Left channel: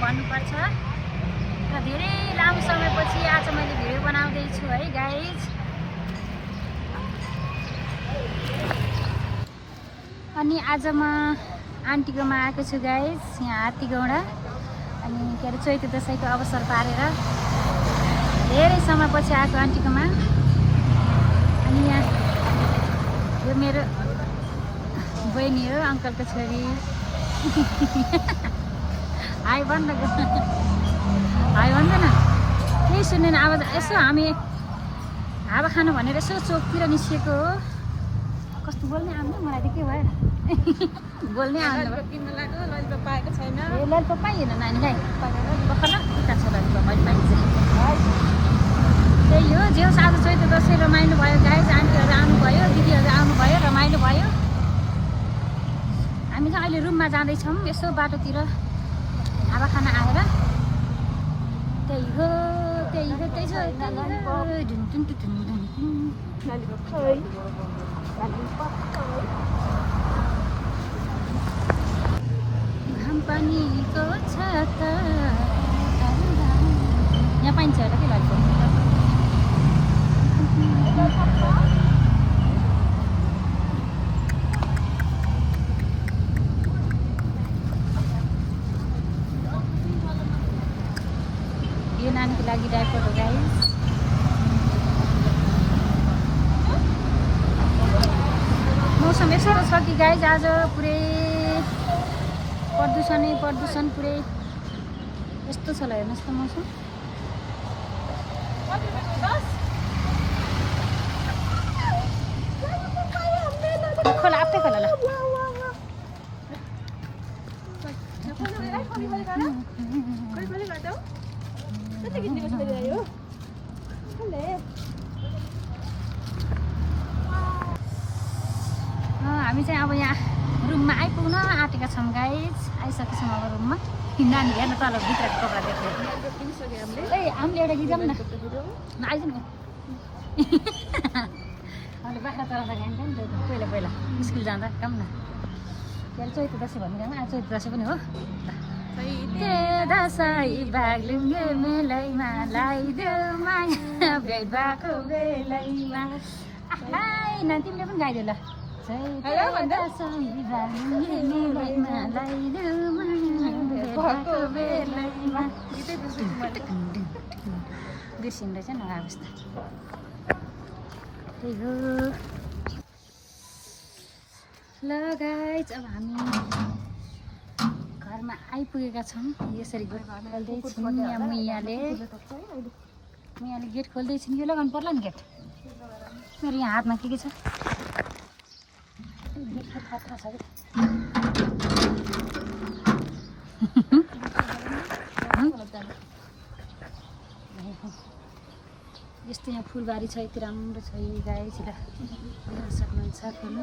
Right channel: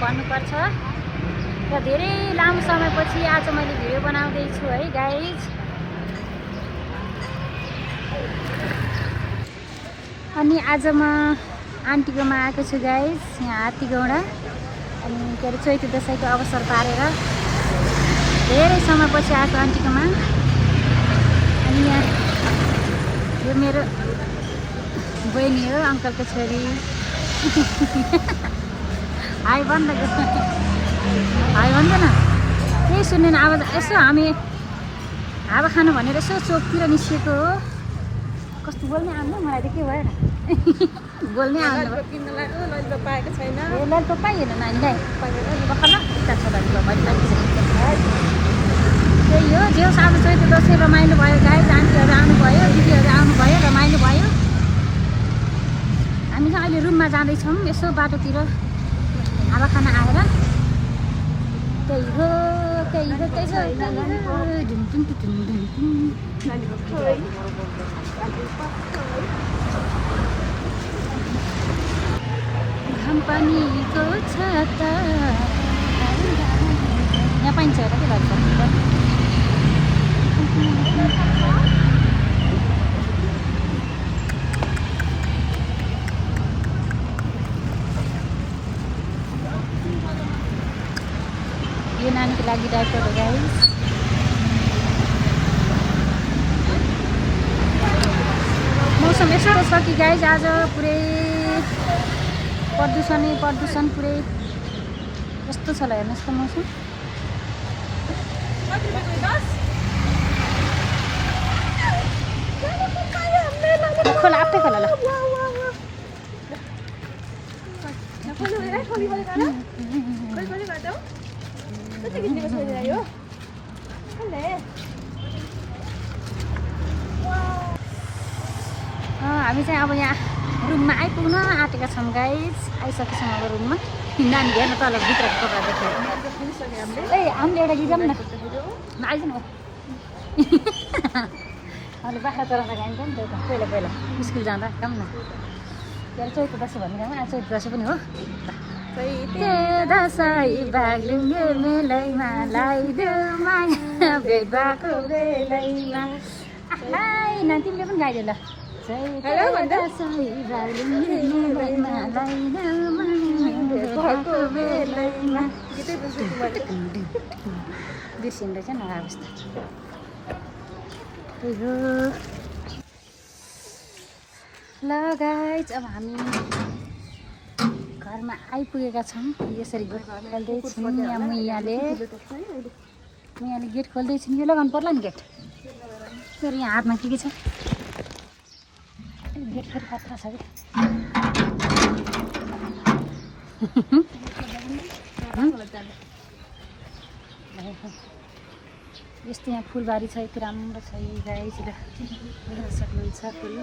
भन्नुपर्छ र धेरै लामो समयपछि आज मैले भिडियो बनाउँदैछु है गाइज। अनि आज म आन्टीकोमा आएको छु गाइज, यहाँ हात्तीगौडा। अनि के अरे चैते दसैँको अवसर पारेर धेरै समयपछि आएको आन्टीकोमा। अनि यहाँ यो मेरो बहिनी हो, अङ्कलको छोरी। हाई भन् न, हाई भन्दैन केही सुन्दैन आवाज। यसो हामी हावा खानु भनेर यसो चोकतिर निस्किएको हो। कस्तो बोल्ने आउनु मलाई त के भएर बोल्ने आउनु पाएको छैन। ललिपप पाइएन नानीलाई भर्खर उता छ ललिपप त्यही हो। जे होस् आज चैते दसैँ रमाइलो भयो गाइज। आन्टीहरू आउनुभयो, दिदीहरू आउनुभयो, रमाइलो भयो। हामी चाहिँ अहिले रुममा जाँदैछौँ यसो बाटोतिर हावा खान आएर। त्यही हो त्यही हो त्यही हो। घाम पानीको छाता यहाँ पाइन्छ होला के भन्नु। यो नानीको लागि डाइपर हो गाइस। मौसम यस्तो छ कि गाइज आज पुरै प्रदूषण पुरै यस्तो छ ल। हेर्नुहोस् त मौसम। खोला आफै खोला ल। हामी चाहिँ अब यहाँ रुममा आइपुग्न आँटेका छौँ गाइज। आइसकेछौँ अब रुममा। नानी हेर्न तल भित्रको कपडा देखेर ए हामीले एउटा गीत गाऊँ न आइज न। अहिले बाख्रा चराउन गयौँ नि त पहिला पहिला स्कुल जाँदा गाऊँ न। के अरे चैते दसैँ भन्ने गाउँमा आज चैते दसैँ पनि हो। चैते दसैँ बाग्लुङ्गे मेलैमा लगाइदेऊ माया भेट भएको बेलैमा। नानी तिमीले पनि गाइदेऊ ल। बिर्सिँदैछ न अवस्था। ल गाइज अब हामी घरमा आइपुगेका छौँ। यसरी मैयाले गेट खोल्दैछन्। यो लगाउनु पर्ला नि गेट। फेरि यहाँ हातमा के छ गेट फेरि खतरा छ कि। यस्तो यहाँ फुलबारी छ, यति राम्रो छ गाइज। हेर्न सक्नुहुन्छ फुल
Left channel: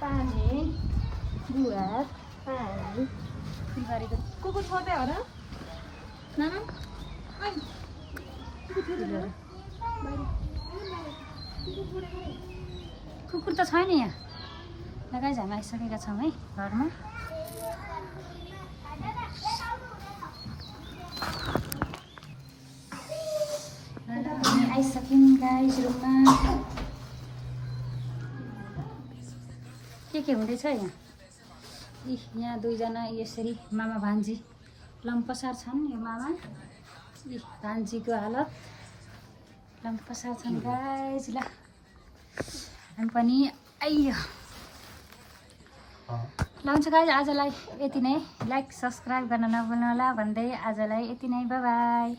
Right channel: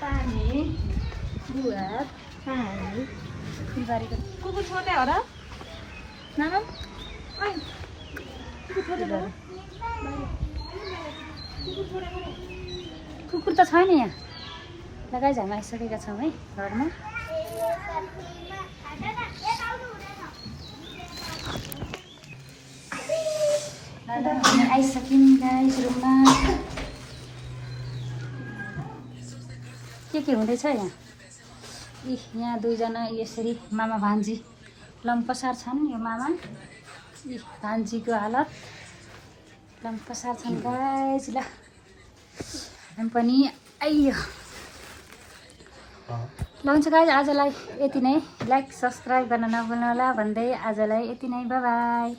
पानी गुवा पानी फुलबारी। कुकुर छोड्दै हो र नाना? कुकुर त छैन यहाँ। लगाइ हामी आइसकेका छौँ है घरमा। आइसक्यौँ गाइस रुममा। के हुँदैछ यहाँ? यहाँ दुईजना यसरी मामा भान्जी लम्पसार छन्। यो मामा भान्जीको हालत लम्पसार छन् गाइस। ल हामी पनि आइयो। ल हुन्छ गाइस आजलाई यति नै। लाइक सब्सक्राइब गर्न नभुल्नु होला भन्दै आजलाई यति नै। By by.